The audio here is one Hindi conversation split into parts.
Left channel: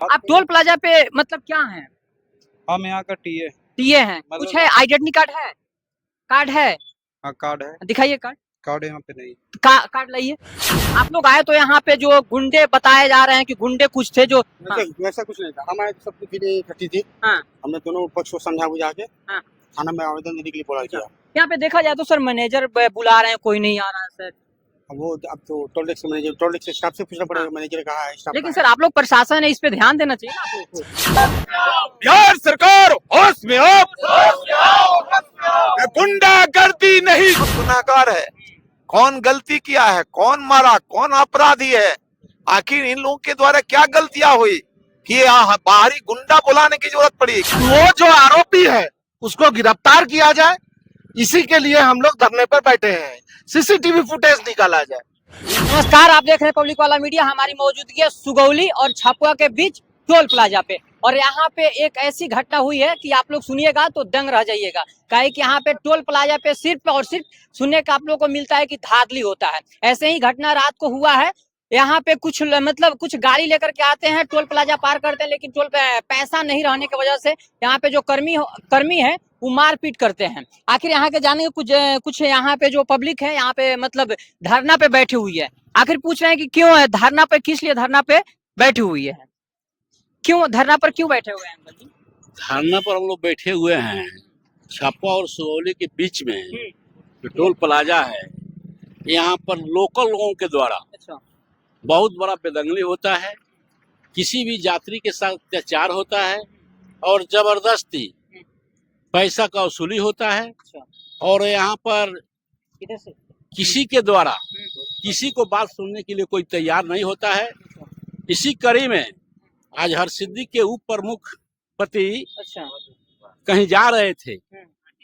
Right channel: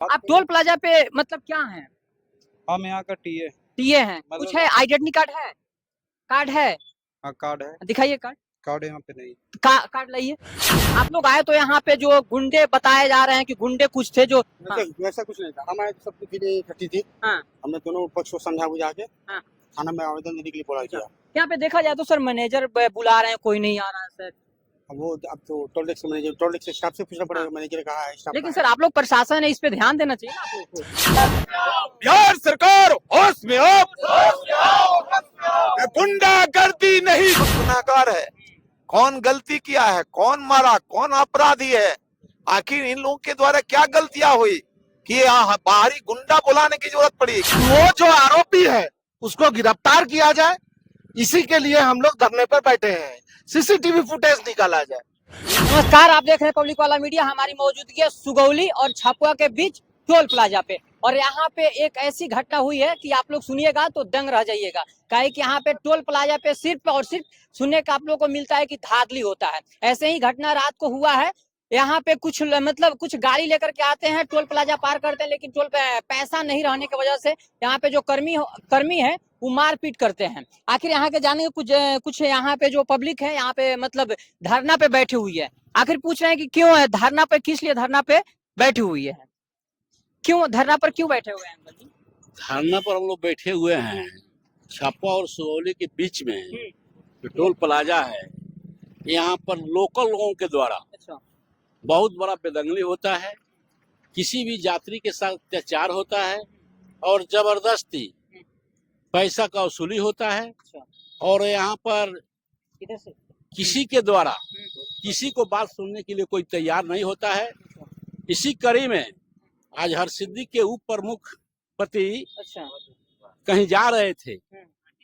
आप टोल प्लाजा पे मतलब क्या हैं? हम यहाँ का टीए टीए हैं। कुछ है, आइडेंटिटी कार्ड है? कार्ड है? हाँ कार्ड है। दिखाइए कार्ड। कार्ड यहाँ पे नहीं। कार्ड लाइए। आप लोग आए तो यहाँ पे जो गुंडे बताए जा रहे हैं कि गुंडे कुछ थे जो वैसा कुछ नहीं था। हमारे सब कुछ चीजें इकट्ठी थी। हाँ। हमने दोनों पक्ष को समझा बुझा के हाँ। थाना में आवेदन देने के लिए बोला किया। यहाँ पे देखा जाए तो सर मैनेजर बुला रहे हैं, कोई नहीं आ रहा है सर। अब तो toll tax manager, toll tax staff से पूछना पड़ेगा। मैनेजर कहा है स्टाफ। लेकिन सर आप लोग प्रशासन है, इस पे ध्यान देना चाहिए ना आप लोग को। बिहार सरकार होश में आप, गुंडागर्दी नहीं गुनाहगार है। कौन गलती किया है, कौन मारा, कौन अपराधी है, आखिर इन लोगों के द्वारा क्या गलतियां हुई कि बाहरी गुंडा बुलाने की जरूरत पड़ी। वो जो आरोपी है उसको गिरफ्तार किया जाए, इसी के लिए हम लोग धरने पर बैठे हैं। सीसीटीवी फुटेज निकाला जाए। नमस्कार, आप देख रहे हैं पब्लिक वाला मीडिया। हमारी मौजूदगी है सुगौली और छपवा के बीच टोल प्लाजा पे, और यहाँ पे एक ऐसी घटना हुई है कि आप लोग सुनिएगा तो दंग रह जाइएगा। काहे कि यहाँ पे टोल प्लाजा पे सिर्फ और सिर्फ सुनने का आप लोगों को मिलता है कि धांधली होता है। ऐसे ही घटना रात को हुआ है। यहाँ पे कुछ मतलब कुछ गाड़ी लेकर के आते हैं, टोल प्लाजा पार करते हैं, लेकिन टोल पैसा नहीं रहने की वजह से यहाँ पे जो कर्मी है वो मारपीट करते हैं। आखिर यहाँ के जाने कुछ यहाँ पे जो पब्लिक है यहाँ पे मतलब धरना पे बैठी हुई है। आखिर पूछ रहे हैं कि क्यों है धरना पे, किस लिए धरना पे बैठी हुई है, क्यों धरना पर क्यों बैठे हुए हैं? धरना पर हम लोग बैठे हुए हैं छपवा और सुगौली के बीच में जो टोल प्लाजा है, यहाँ पर लोकल लोगों के द्वारा बहुत बड़ा बेदंगली होता है। किसी भी यात्री के साथ अत्याचार होता है और जबरदस्ती पैसा का वसूली होता है। और यहाँ पर किसी के द्वारा किसी को बात सुनने के लिए कोई तैयार नहीं होता है। इसी कड़ी में आज हरसिद्धि के उप प्रमुख पति कहीं जा रहे थे,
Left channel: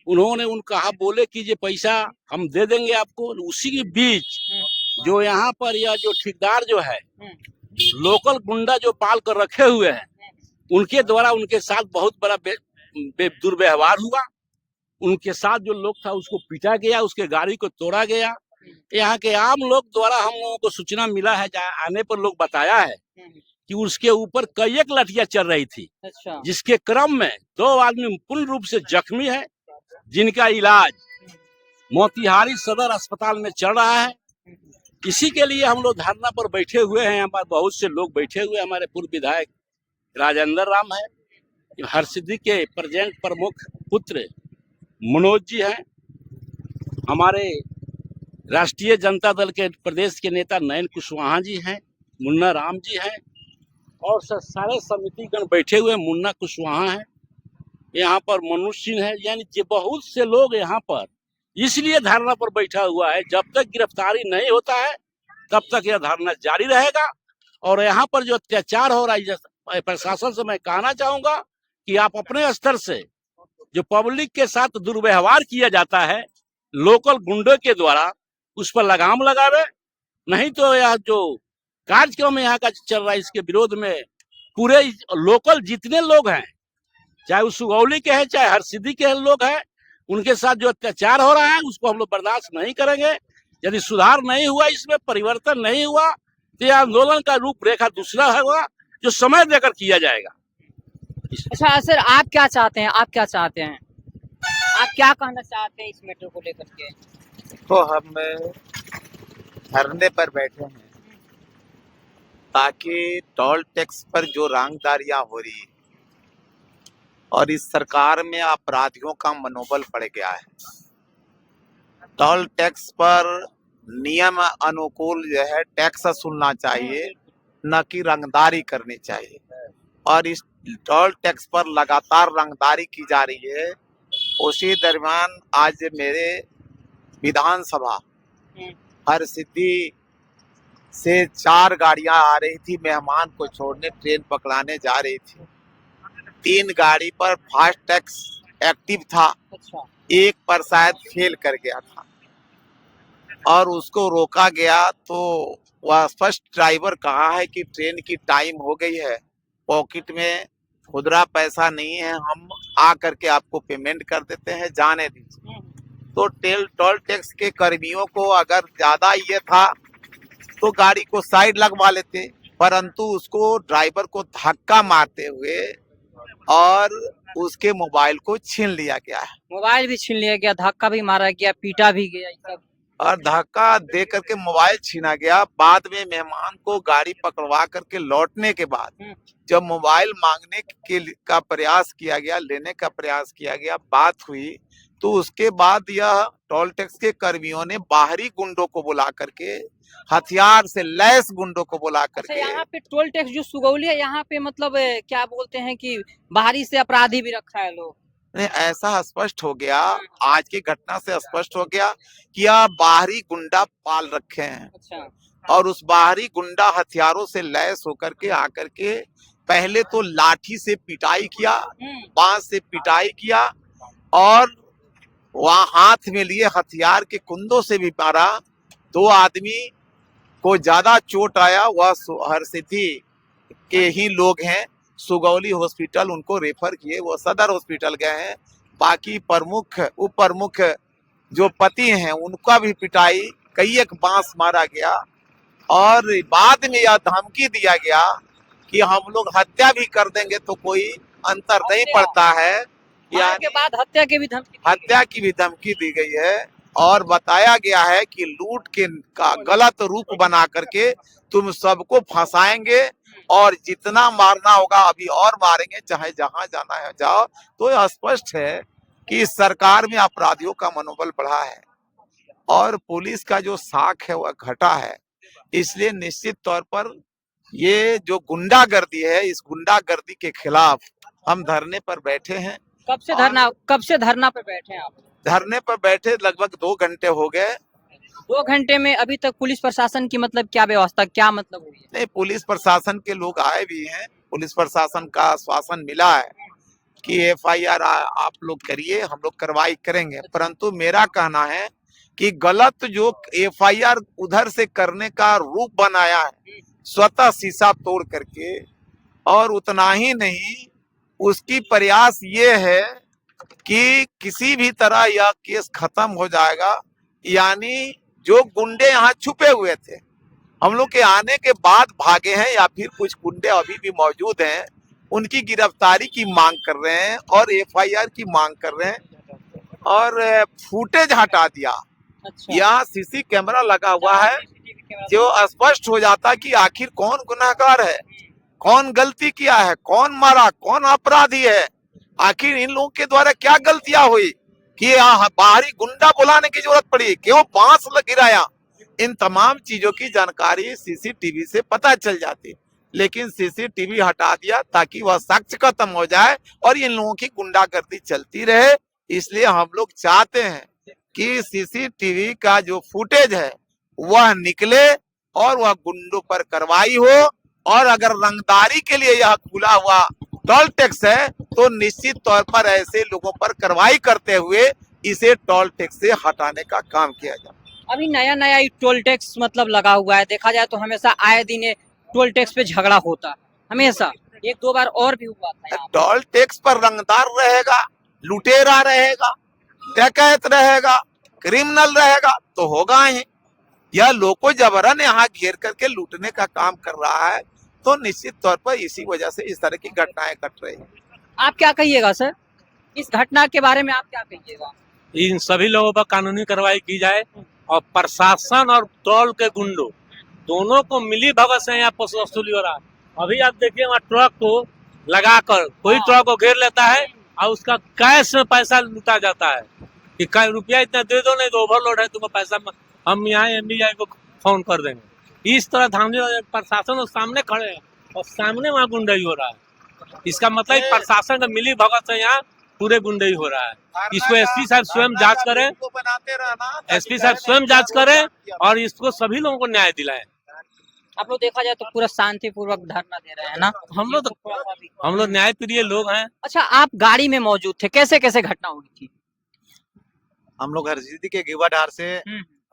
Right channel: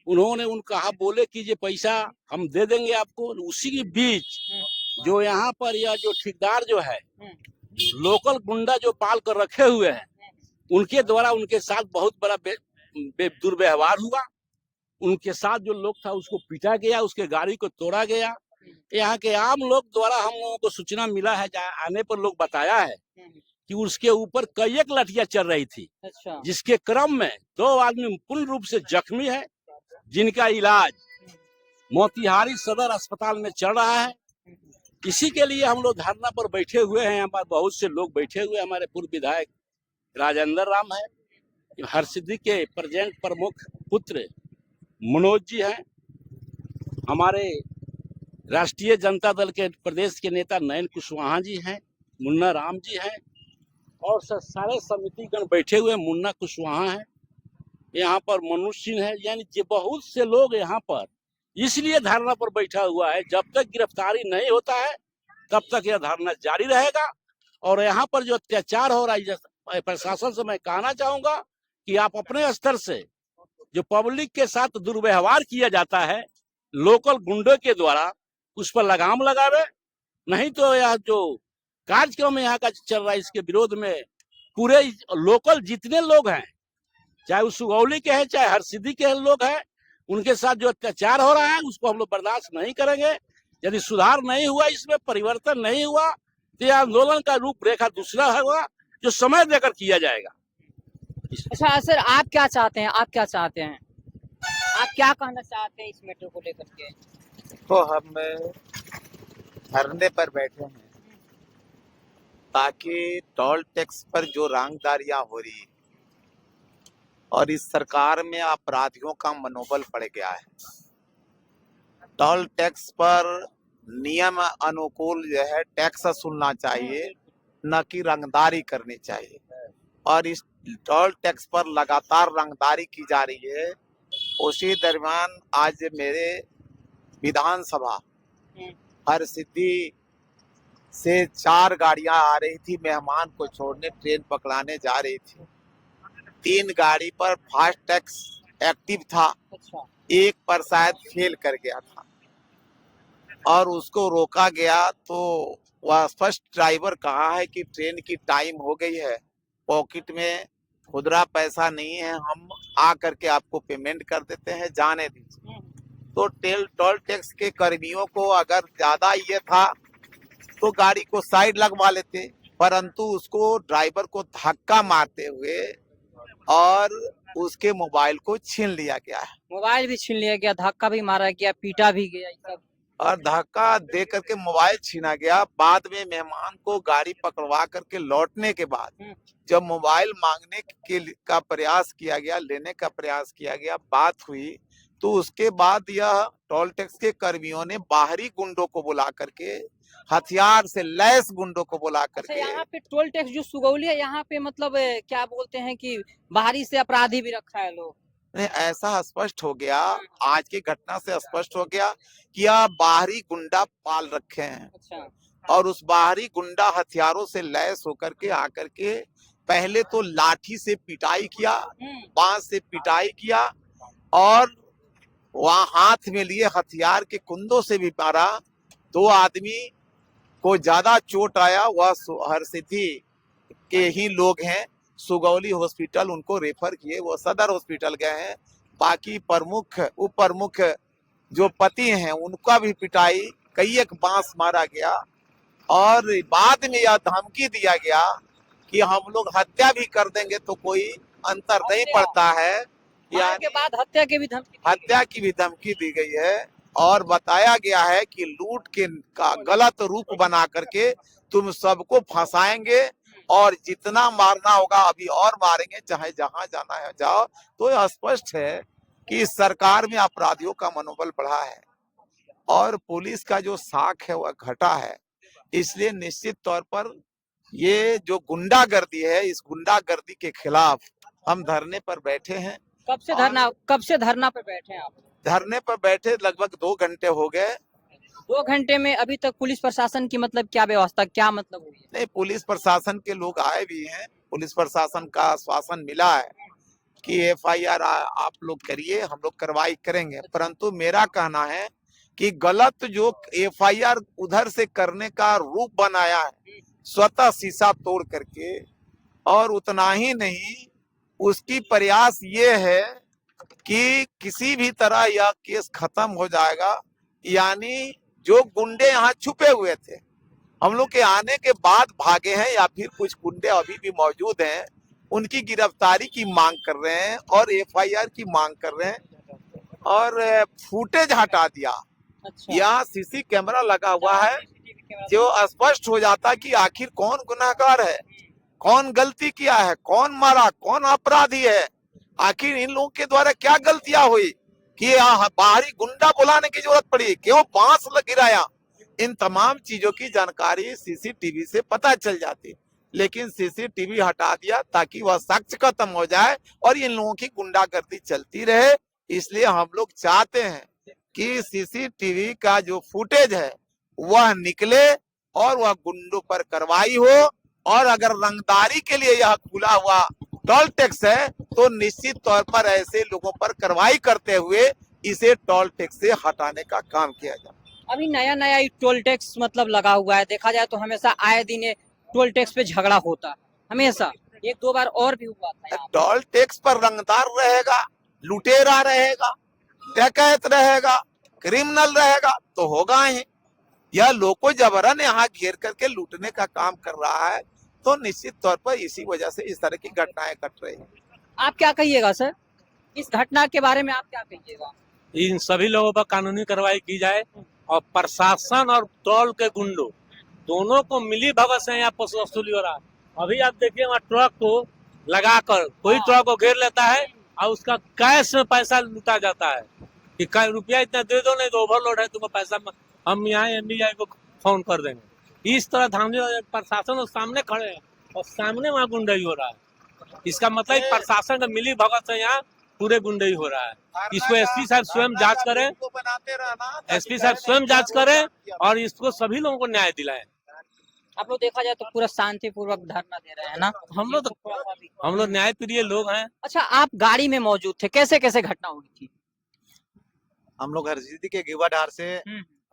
उन्होंने कहा बोले कि ये पैसा हम दे देंगे आपको। उसी के बीच जो यहाँ पर यह जो ठेकेदार जो है लोकल गुंडा जो पाल कर रखे हुए हैं, उनके द्वारा उनके साथ बहुत बड़ा दुर्व्यवहार हुआ। उनके साथ जो लोग था उसको पीटा गया, उसके गाड़ी को तोड़ा गया। यहाँ के आम लोग द्वारा हम लोगों को सूचना मिला है, आने पर लोग बताया है कि उसके ऊपर कई एक लाठियां चल रही थी। जिसके क्रम में 2 आदमी पूर्ण रूप से जख्मी है, जिनका इलाज मोतिहारी सदर अस्पताल में चल रहा है। इसी के लिए हम लोग धरना पर बैठे हुए हैं। हमारे बहुत से लोग बैठे हुए, हमारे पूर्व विधायक राजेंद्र राम है, हरसिद्धि के प्रेजेंट प्रमुख पुत्र मनोज जी हैं, हमारे राष्ट्रीय जनता दल के प्रदेश के नेता नयन कुशवाहा जी हैं, मुन्ना राम जी हैं, और सारे समितिगण बैठे हुए। मुन्ना कुशवाहा है, यहाँ पर मनुष्य सिंह है, यानी बहुत से लोग यहाँ पर इसलिए धरना पर बैठा हुआ है। जब तक गिरफ्तारी नहीं होता है तब तक यह धरना जारी रहेगा। और यहाँ पर जो अत्याचार हो रहा है, प्रशासन से मैं कहना चाहूंगा कि आप अपने स्तर से जो पब्लिक के साथ दुर्व्यवहार किया जाता है लोकल गुंडों के द्वारा, उस पर लगाम लगावे। नहीं तो यह जो कार्यक्रम यहाँ का चल रहा है, इसके विरोध में पूरे लोकल जितने लोग हैं, चाहे वो सुगौली के हैं चाहे हरसिद्धि के लोग हैं, उनके साथ जो अत्याचार हो रहा है उसको हम लोग बर्दाश्त नहीं करेंगे। यदि सुधार नहीं हुआ, इसमें परिवर्तन नहीं हुआ, तो यह आंदोलन का रूपरेखा दूसरा होगा जो समय देकर किया जाएगा। अच्छा सर, आप क्या चाहते हैं, आप क्या चाहते हैं, आप क्या कहना चाहते हैं इस मैटर को लेकर के? तो हम धरने पर बैठे हैं ताकि टोल टैक्स पर जो रंगदारियां हो रही और इस सरकार में अपराधियों का मनोबल बढ़ गया है। टोल टैक्स पर नियम अनुकूल जो है टैक्स वसूलना चाहिए, न कि रंगदारी करनी चाहिए। और इस टोल टैक्स पर लगातार रंगदारी की जा रही है। उसी दरमियान आज मेरे विधानसभा हरसिद्धि से 4 गाड़ियां आ रही थी, मेहमान को छोड़ने ट्रेन पकड़ाने जा रही थी। 3 गाड़ी पर फास्ट टैक्स एक्टिव था, एक पर शायद फेल कर गया था और उसको रोका गया। तो वह फर्स्ट ड्राइवर कहा है कि ट्रेन की टाइम हो गई है, पॉकेट में खुदरा पैसा नहीं है, हम आ करके आपको पेमेंट कर देते हैं, जाने दीजिए। तो टोल टैक्स के कर्मियों को अगर ज्यादा ये था तो गाड़ी को साइड लगवा लेते, परंतु उसको ड्राइवर को धक्का मारते हुए और उसके मोबाइल को छीन लिया गया है मोबाइल भी छीन लिया गया, धक्का भी मारा गया, पीटा भी गया, ये सब। और धक्का दे करके मोबाइल छीना गया। बाद में मेहमान को गाड़ी पकड़वा करके लौटने के बाद जब मोबाइल मांगने का प्रयास किया गया, लेने का प्रयास किया गया, बात हुई, तो उसके बाद यह टोल टैक्स के कर्मियों ने बाहरी गुंडों को बुला करके, हथियार से लैस गुंडों को बुला अच्छा, करके, यहाँ पे टोल टैक्स जो सुगौली है, यहाँ पे मतलब क्या बोलते हैं कि बाहरी से अपराधी भी रखा है लोग। नहीं, ऐसा स्पष्ट हो गया, आज की घटना से स्पष्ट हो गया कि यह बाहरी गुंडा पाल रखे हैं अच्छा, और उस बाहरी गुंडा हथियारों से लैस होकर के आकर के पहले तो लाठी से पिटाई किया, बांस से पिटाई किया और वहां हाथ में लिए हथियार के कुंदों से भी मारा। 2 आदमी को ज्यादा चोट आया, वह हरसिद्धि के ही लोग हैं। सुगौली हॉस्पिटल उनको रेफर किए, वो सदर हॉस्पिटल गए हैं। बाकी प्रमुख उप प्रमुख जो पति हैं उनका भी पिटाई, कई एक बांस मारा गया और बाद में यह धमकी दिया गया कि हम लोग हत्या भी कर देंगे तो कोई अंतर नहीं पड़ता है। मार के बाद हत्या की भी धमकी दी गई है और बताया गया है कि लूट के का गलत रूप बना करके तुम सबको फंसाएंगे और जितना मारना होगा अभी और मारेंगे, चाहे जहां जाना है जाओ। तो यह स्पष्ट है कि इस सरकार में अपराधियों का मनोबल बढ़ा है और पुलिस का जो साख है वह घटा है। इसलिए निश्चित तौर पर ये जो गुंडागर्दी है, इस गुंडागर्दी के खिलाफ हम धरने पर बैठे हैं। कब से धरना पे बैठे हैं आप? धरने पर बैठे लगभग 2 घंटे हो गए। 2 घंटे में अभी तक पुलिस प्रशासन की मतलब क्या व्यवस्था, क्या मतलब हुई है? नहीं, पुलिस प्रशासन के लोग आए भी हैं, पुलिस प्रशासन का आश्वासन मिला है कि FIR आप लोग करिए, हम लोग कार्रवाई करेंगे। परंतु मेरा कहना है कि गलत जो FIR उधर से करने का रूप बनाया है, स्वतः शीशा तोड़ करके, और उतना ही नहीं, उसकी प्रयास ये है कि किसी भी तरह यह केस खत्म हो जाएगा। यानी जो गुंडे यहाँ छुपे हुए थे, हम लोग के आने के बाद भागे हैं या फिर कुछ गुंडे अभी भी मौजूद हैं, उनकी गिरफ्तारी की मांग कर रहे हैं और FIR की मांग कर रहे हैं और फुटेज हटा दिया। अच्छा, यहाँ CC कैमरा लगा हुआ है जो स्पष्ट हो जाता कि आखिर कौन गुनाहगार है, कौन गलती किया है, कौन मारा, कौन अपराधी है, आखिर इन लोगों के द्वारा क्या गलतियां हुई कि यहाँ बाहरी गुंडा बुलाने की जरूरत पड़ी, क्यों बांस गिराया। इन तमाम चीजों की जानकारी CCTV से पता चल जाती, लेकिन CCTV हटा दिया ताकि वह साक्ष्य खत्म हो जाए और इन लोगों की गुंडागर्दी चलती रहे। इसलिए हम लोग चाहते हैं कि CCTV का जो फुटेज है वह निकले और वह गुंडों पर कार्रवाई हो, और अगर रंगदारी के लिए यह खुला हुआ टोल टैक्स है तो निश्चित तौर पर ऐसे लोगों पर कार्रवाई करते हुए इसे टोल टैक्स से हटाने का काम किया जाए। अभी नया टोल टैक्स मतलब लगा हुआ है, देखा जाए तो हमेशा आए दिन ये टोल टैक्स पे झगड़ा होता है, हमेशा 1-2 बार और भी हुआ था यहाँ। टोल टैक्स पर रंगदार रहेगा, लुटेरा रहेगा, डकैत रहेगा, क्रिमिनल रहेगा तो होगा ही। यह लोगों जबरन यहाँ घेर करके लूटने का काम कर रहा है, तो निश्चित तौर पर इसी वजह से इस तरह की घटनाएं घट रही हैं। आप क्या कहिएगा सर, इस घटना के बारे में आप क्या कहिएगा? इन सभी लोगों पर कानूनी कार्रवाई की जाए और प्रशासन और टोल के गुंडों दोनों को मिली भगत से यहाँ पर वसूली हो रहा है। अभी आप देखिए वहाँ ट्रक को लगाकर कोई ट्रक को घेर लेता है और उसका कैश में पैसा लूटा जाता है कि रुपया इतना दे दो, नहीं तो ओवरलोड है, तुम्हें पैसा हम यहाँ MBI को फोन कर देंगे। इस तरह धामनी प्रशासन और सामने खड़े हैं और सामने वहाँ गुंडाई हो रहा है। इसका मतलब प्रशासन का मिली भगत से यहाँ पूरे गुंडाई हो रहा है। इसको SP साहब स्वयं जांच करें, SP साहब स्वयं जांच करें और इसको सभी लोगों को न्याय दिलाएं। आप लोग देखा जाए तो पूरा शांतिपूर्वक धरना दे रहे हैं ना? हम लोग न्याय प्रिय लोग हैं। अच्छा, आप गाड़ी में मौजूद थे, कैसे कैसे घटना हुई थी? हम लोग हरसिद्धि के गिवाडार से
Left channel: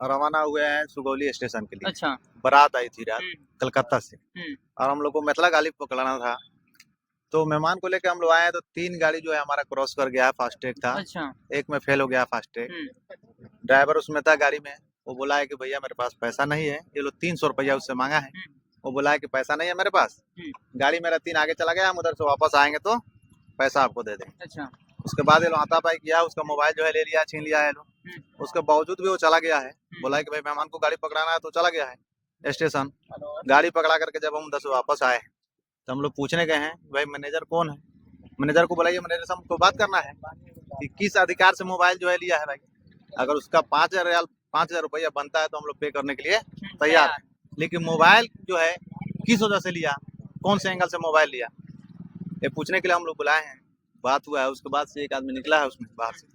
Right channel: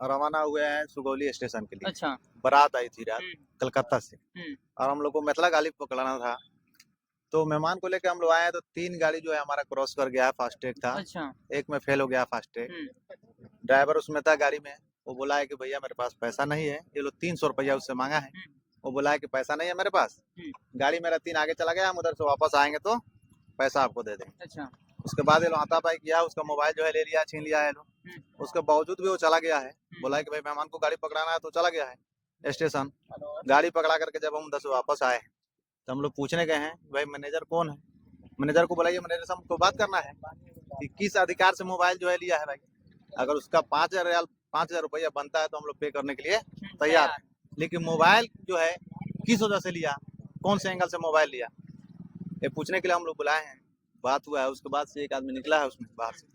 रवाना हुए हैं सुगौली स्टेशन के लिए। अच्छा, बारात आई थी रात कलकत्ता से, हम्म। और हम लोग को मेतला गाली पकड़ना था, तो मेहमान को लेकर हम लोग आए तो 3 गाड़ी जो है हमारा क्रॉस कर गया, फास्टैग था, अच्छा, एक में फेल हो गया फास्टैग। ड्राइवर उसमें था गाड़ी में, वो बोला है कि भैया मेरे पास पैसा नहीं है, ये लोग 300 रुपया उससे मांगा है, वो बोला है कि पैसा नहीं है मेरे पास, गाड़ी मेरा 3 आगे चला गया, हम उधर से वापस आएंगे तो पैसा आपको दे देंगे। अच्छा। उसके बाद ये लोग हाथापाई किया, उसका मोबाइल जो है ले लिया, छीन लिया है लोग। उसके बावजूद भी वो चला गया है, बोला है कि भाई मेहमान को गाड़ी पकड़ाना है, तो चला गया है स्टेशन। गाड़ी पकड़ा करके जब हम उधर से वापस आए तो हम लोग पूछने गए हैं भाई मैनेजर कौन है, मैनेजर को बुलाइए, मैनेजर से हमको बात करना है कि किस अधिकार से मोबाइल जो है लिया है भाई। अगर उसका 5,000 रुपया बनता है तो हम लोग पे करने के लिए तैयार है, लेकिन मोबाइल जो है किस वजह से लिया, कौन से एंगल से मोबाइल लिया, ये पूछने के लिए हम लोग बुलाए हैं। बात हुआ है, उसके बाद से एक आदमी निकला है उसमें बाहर से,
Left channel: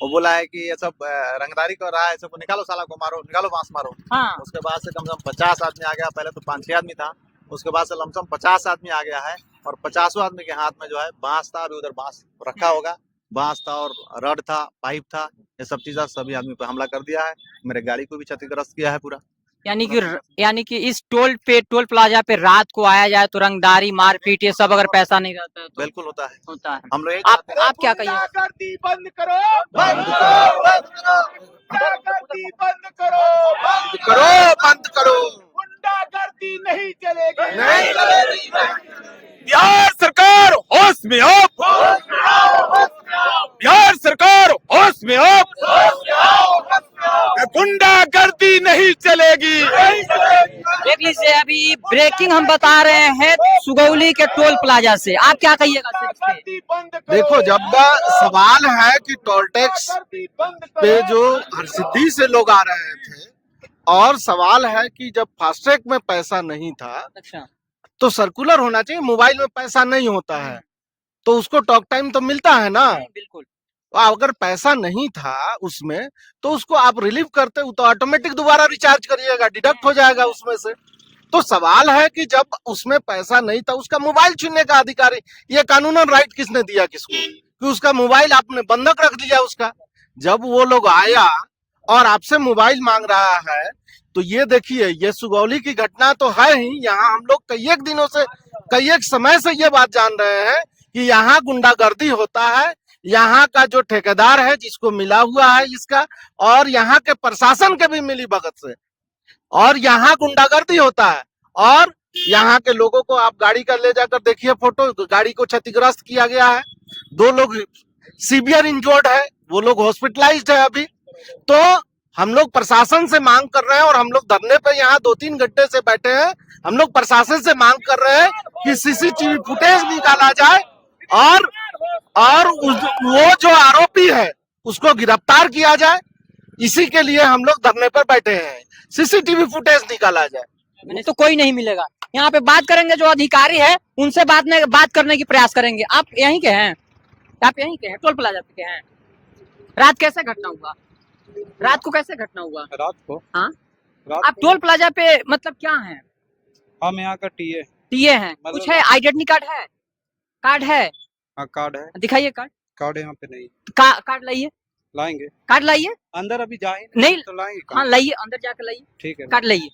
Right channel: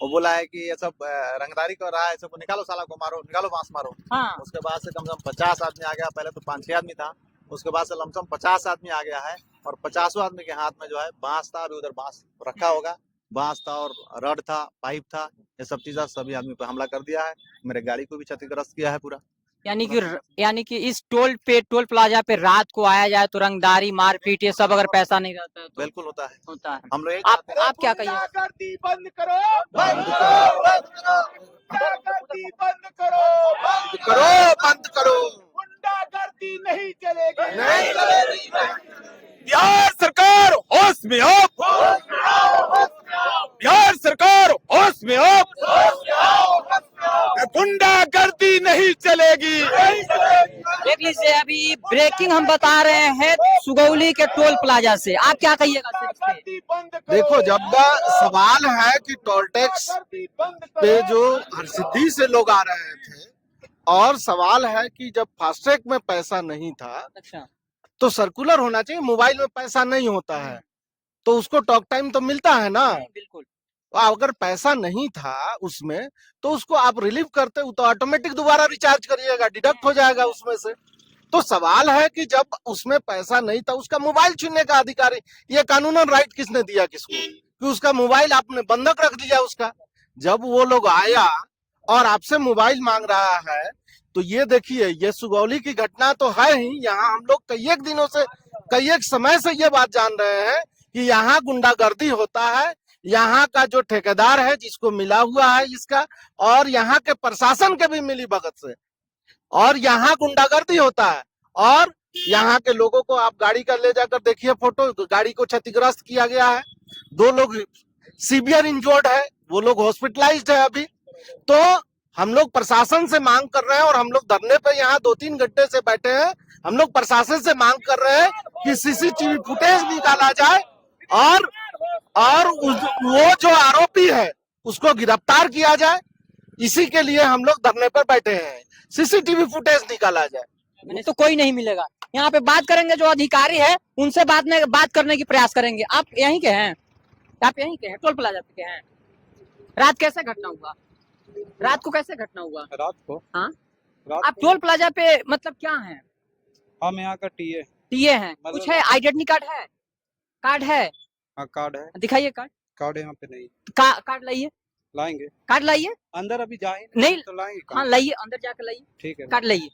वो बोला है कि ये सब रंगदारी कर रहा है, सबको निकालो, साला को मारो, निकालो, बांस मारो। हाँ। उसके बाद से कम से कम 50 आदमी आ गया, पहले तो 5-6 आदमी था, उसके बाद से लमसम 50 आदमी आ गया है, और 50 आदमी के हाथ में जो है बांस था, अभी उधर बांस रखा होगा, बांस था और रड था, पाइप था, ये सब चीज़ सभी आदमी पे हमला कर दिया है, मेरे गाड़ी को भी क्षतिग्रस्त किया है पूरा। यानी कि इस टोल प्लाजा पे रात को आया जाए तो रंगदारी, मारपीट, ये सब अगर पैसा नहीं रहता है तो बिल्कुल होता है। होता है। हम लोग आप क्या कहिए? गुंडागर्दी बंद करो, बंद करो, बंद करो, गुंडागर्दी बंद करो, बंद करो, बंद करो, गुंडागर्दी नहीं चलेगी, नहीं चलेगी। बिहार सरकार होश में हो, बिहार सरकार होश में हो, गुंडागर्दी नहीं चलेगी। देख लीजिए, अभी ब्रेकिंग हम बता रहे हैं सुगौली के टोल प्लाजा से। आप क्या कहिएगा सर इस पे? देखो, जब सवाल है कि टोल टैक्स पे जो हरसिद्धि से लोग आ रहे थे, और सवाल है कि जब फास्टैग में पैसा नहीं था, अच्छा, तो सर्कुलर होना चाहिए। मोबाइल में पैसा नहीं होता है तो उसको टॉक टाइम तो मिलता है ना। बिल्कुल। अगर पैसा नहीं था उसमें तो उसको आप रिलीव करते हो तो ऑटोमेटिक दोबारा रिचार्ज करिएगा, डिडक्ट हो जाएगा उसमें से। तो सवाल है कि जब उसमें पैसा नहीं था, उसका मोबाइल छीनने का अधिकार, ये कानूनन राइट किसने दिया किसको, कि उसका मोबाइल आपने बंधक रख दिया उसका। जब वो लोग आया और आपसे मोबाइल मांग रहा है, तो ये देखिए, ये सुगौली की घटना तो है ही। यहाँ हम लोग कई एक दिनों से, कई एक समय से ये बात जान रहे हैं कि यहाँ गुंडागर्दी होता है। यहाँ का जो ठेकेदार है जिसको मिला हुआ है इसका, और यहाँ के प्रशासन के भी मिली भगत से, और यहाँ गुंडागर्दी होता है। और यहाँ के लोगों को आप गाड़ी का ले जाकर देखिए फोटो, गाड़ी को क्षतिग्रस्त किया गया है, 2 लोग सीवियर इंजर्ड है, वो लोग हॉस्पिटलाइज्ड है अभी। तो हम लोग प्रशासन से मांग कर रहे हैं, और हम लोग धरने पे यहाँ 2-3 घंटे से बैठे हैं, हम लोग प्रशासन से मांग कर रहे हैं कि सीसीटीवी फुटेज निकाला जाए, और वो जो आरोपी है उसको गिरफ्तार किया जाए। इसी के लिए हम लोग धरने पर बैठे हैं, सीसीटीवी फुटेज निकाला जाए। नहीं तो कोई नहीं मिलेगा। यहाँ पे बात करेंगे, जो अधिकारी है उनसे बात करने की प्रयास करेंगे। आप यहीं के हैं? आप यहीं के हैं? टोल प्लाजा पे के हैं? रात कैसे घटना हुआ? रात को कैसे घटना हुआ? रात को? हाँ, रात आप टोल प्लाजा पे मतलब क्या हैं? हम यहाँ का टीए। टीए हैं? कुछ है? आइडेंटिटी कार्ड है? कार्ड है? हाँ, कार्ड है। दिखाइए कार्ड। कार्ड यहाँ पे नहीं। कार्ड लाइए, लाएंगे। कार्ड लाइए। अंदर अभी जाए नहीं तो लाएंगे। हाँ लाइए, अंदर जाकर लाइए, ठीक है, कार्ड लाइए,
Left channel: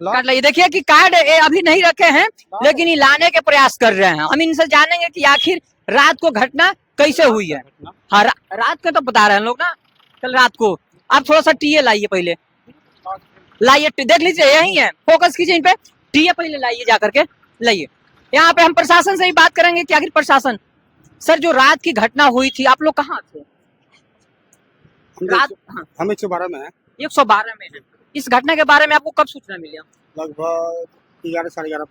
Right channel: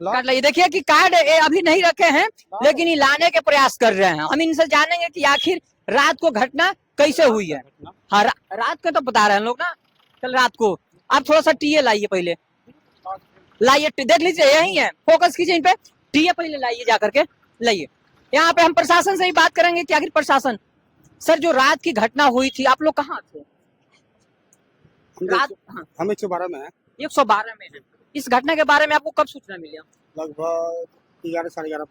कार्ड लाइए। देखिए कि कार्ड अभी नहीं रखे हैं, लेकिन ये लाने के प्रयास कर रहे हैं। हम इनसे जानेंगे कि आखिर रात को घटना कैसे हुई है। हाँ, रात को तो बता रहे हैं लोग ना, कल रात को। आप थोड़ा सा टीए लाइए, पहले लाइए, देख लीजिए यही है, फोकस कीजिए इन पे। टीए पहले लाइए, जाकर के लाइए। यहाँ पे हम प्रशासन से ही बात करेंगे कि आखिर प्रशासन, सर जो रात की घटना हुई थी, आप लोग कहाँ थे रात? हाँ, हम 112 में है। 112 में है। इस घटना के बारे में आपको कब सूचना मिली? लगभग 11, साढ़े 11,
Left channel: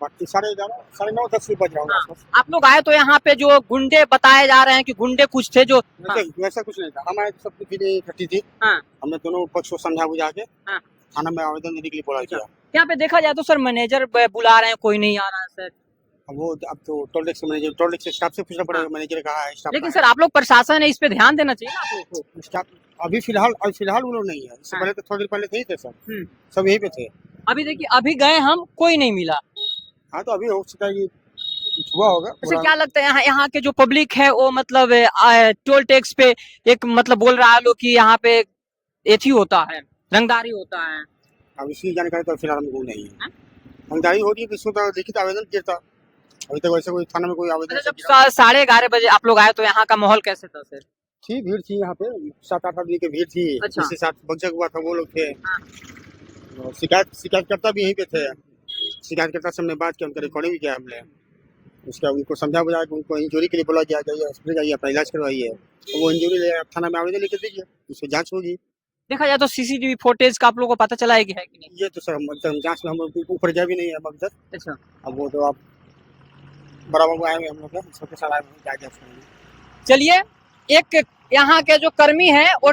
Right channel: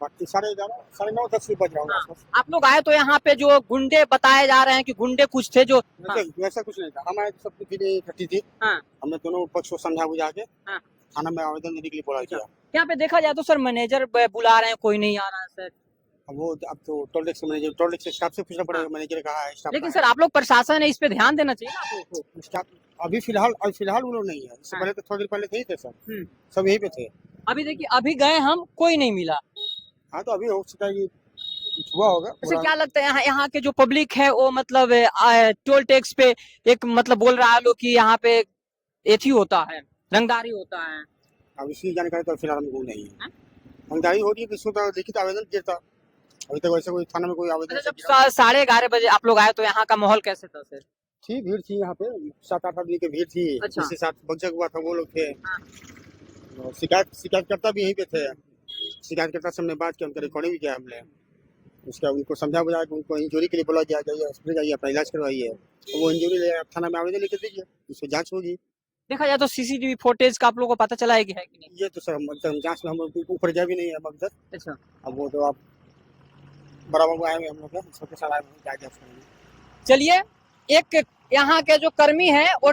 9, 10 बज रहा होगा। आप लोग आए तो यहाँ पे जो गुंडे बताए जा रहे हैं कि गुंडे कुछ थे जो, हाँ, वैसा कुछ नहीं था। हमारे सब चीजें इकट्ठी थी, हाँ, हमने दोनों पक्ष को समझा बुझा के हाँ, थाना में आवेदन देने के लिए बोला गया। यहाँ पे देखा जाए तो सर मैनेजर बुला रहे हैं, कोई नहीं आ रहा है सर। अब तो toll tax manager, toll tax staff से पूछना पड़ेगा, मैनेजर ने कहा है स्टाफ। लेकिन सर आप लोग प्रशासन है, इस पे ध्यान देना चाहिए ना आप लोग को। स्टाफ अभी फिलहाल वो लोग नहीं है, इससे पहले तो थोड़ी देर पहले थे ही थे सब, सब यहीं पे थे। अभी देखिए, अभी गए हम, कोई नहीं मिला। हाँ, तो अभी हो सकता है कि कुछ हुआ होगा। वैसे क्या लगता है यहाँ के जो पब्लिक है वो मतलब टोल टैक्स पे एक मतलब बोल रहा है लोग कि यहाँ पे एथी होता है, रंगदारी होता है। अब इसकी जानकारी तो फिलहाल हमको नहीं है। रंगदारी हो रही है, किसको तो लिखित आवेदन किया था, अभी तक वैसे कोई थाना में कोई आवेदन। जब 11:30 बजे आप लोग आए तो यहाँ का माहौल कैसे था सर? थी भीड़ थी यहाँ पे, 7-8 आदमी की भीड़ थी। अच्छा। जिसके साथ बच्चा हुआ था वो लोग थे, हाँ। शिकायतकर्ता भी यहीं पे थे, शिकायतकर्ता से हमने बात की, उनका रिकॉर्डिंग भी किया हमने। उसका उनको समझा बुझा कि उनको इंजरी के लिए बोला गया, हॉस्पिटल जाइए, अपना इलाज करवाइए। तो वो इंजरी ले थाना में आवेदन लेकर दीजिए, उसकी जाँच होगी। देखा जाए तो सीसीटीवी फुटेज का आप लोगों को पता चला है कि नहीं? ये तो सर हम जाँच में हम लोग ऊपर गए भी नहीं है अब तक। अच्छा, अब वो तो आप बराबर आएंगे हम लोग सबके साथ आएंगे, क्या क्या सुनेंगे। चलिए, एक यहाँ के जो कर्मी हैं वो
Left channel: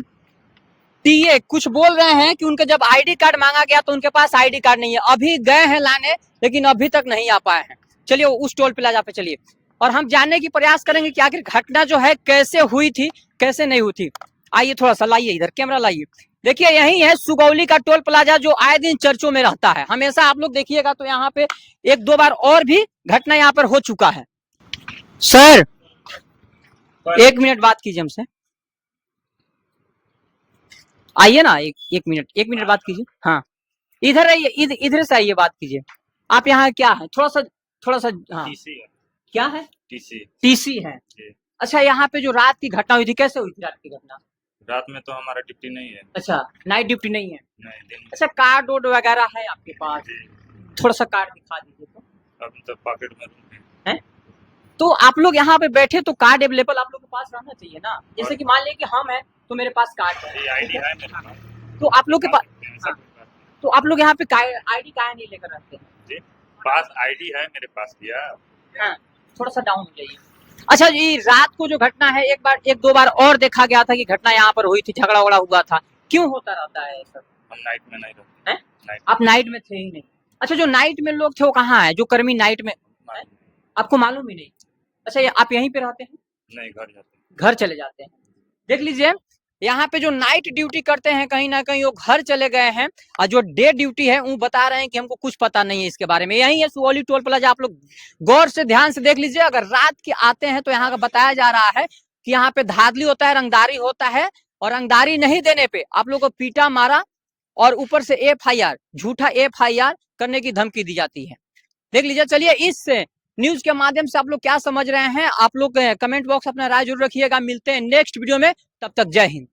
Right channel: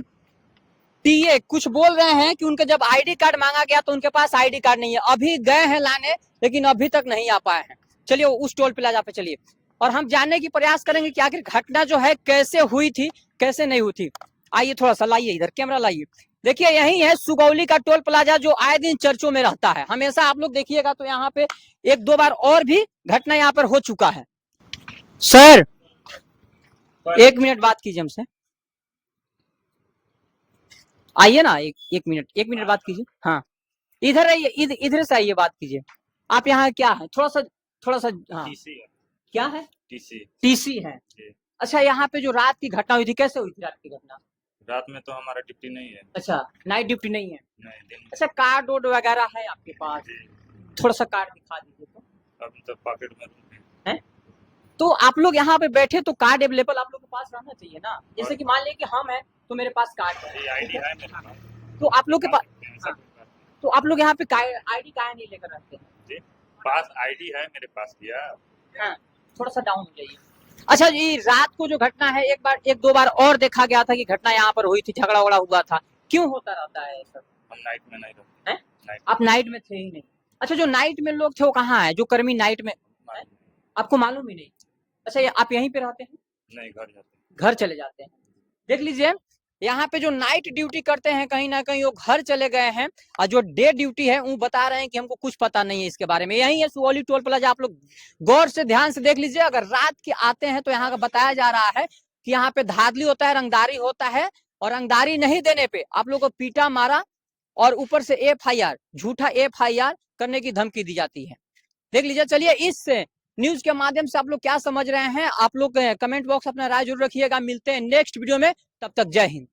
टीए कुछ बोल रहे हैं कि उनके जब आईडी कार्ड मांगा गया तो उनके पास आईडी कार्ड नहीं है। अभी गए हैं लाने, लेकिन अभी तक नहीं आ पाए हैं। चलिए उस टोल प्लाजा पे चलिए और हम जानने की प्रयास करेंगे कि आखिर घटना जो है कैसे हुई थी, कैसे नहीं हुई थी। आइए थोड़ा सा लाइए, इधर कैमरा लाइए। देखिए यही है सुगौली का टोल प्लाजा जो आए दिन चर्चों में रहता है। हमेशा आप लोग देखिएगा तो यहाँ पे एक दो बार और भी घटना यहाँ पर हो चुका है। सर 1 मिनट बात कीजिए हमसे, आइए ना, एक मिनट बात कीजिए। हाँ इधर आइए, इधर से आइए, बात कीजिए। आप यहाँ क्या है, थोड़ा सा हाँ क्या है, टीसी है। अच्छा, यहाँ पे जो रात की घटना हुई थी, कैसे हुई थी रात की घटना? रात में तो हमारा ड्यूटी नहीं है। अच्छा, नाइट ड्यूटी नहीं है। नहीं, दिन में। अच्छा, कार्ड वोड वगैरह है आपके पास? थोड़ा सा कार्ड दिखा दीजिए तो। अभी तो पॉकेट में है तो आप लोग यहाँ पे बैठे तो कार्ड अवेलेबल आप लोग के पास रहना चाहिए ना। जैसे कि मान लीजिए कि हम हैं तो मेरे पास कार्ड है, आईडी है मेरे पास। तो आप लोग के पास, हाँ, तो आप लोग यहाँ पे आईडी कार्ड नहीं लेकर रहते हैं? पास आईडी है मेरे पास भैया। हाँ, थोड़ा सा डाउन हो जाइए। अच्छा जी, रात को जो घटना है एक दो बार और देखा गया था कि घटना यहाँ पर हुई थी, झगड़ा वगड़ा हुआ था। क्यों होता रहता है सर? हम नाइट में नहीं रहते हैं। आप नाइट में थे ही नहीं? अच्छा, जो नाइट में लोग थे वो कहाँ है, जो कर्मी नाइट में है? आपको मालूम ही नहीं? अच्छा, ये आप यहीं पे रहते हैं? नहीं, घर जाते हैं। घर चले जाते हैं। देख लीजिए, यहाँ पे जो नाइट ड्यूटी करते हैं कहीं ना कहीं वो घर चले गए हैं, और जो डे ड्यूटी है वो बता रहे हैं कि हमको कुछ पता नहीं है इसके बारे में। यही है सुगौली टोल प्लाजा, आप लोग गौर से ध्यान से देख लीजिए। अगर रात के आते हैं तो यहाँ का बताया जा रहा है कि यहाँ पे धाधली होता है, रंगदारी होता है, और रंगदारी नहीं देने पे आप लोग को पीटा मारा और ऊपर से FIR, झूठा FIR करने की धमकी दी जाती है। देख लीजिए। चलिए, इस न्यूज के माध्यम से आप लोग क्या समझ रहे हैं, आप लोग कमेंट बॉक्स अपना राय जरूर रखिएगा। मिलते हैं नेक्स्ट वीडियो में, तब तक जय हिंद।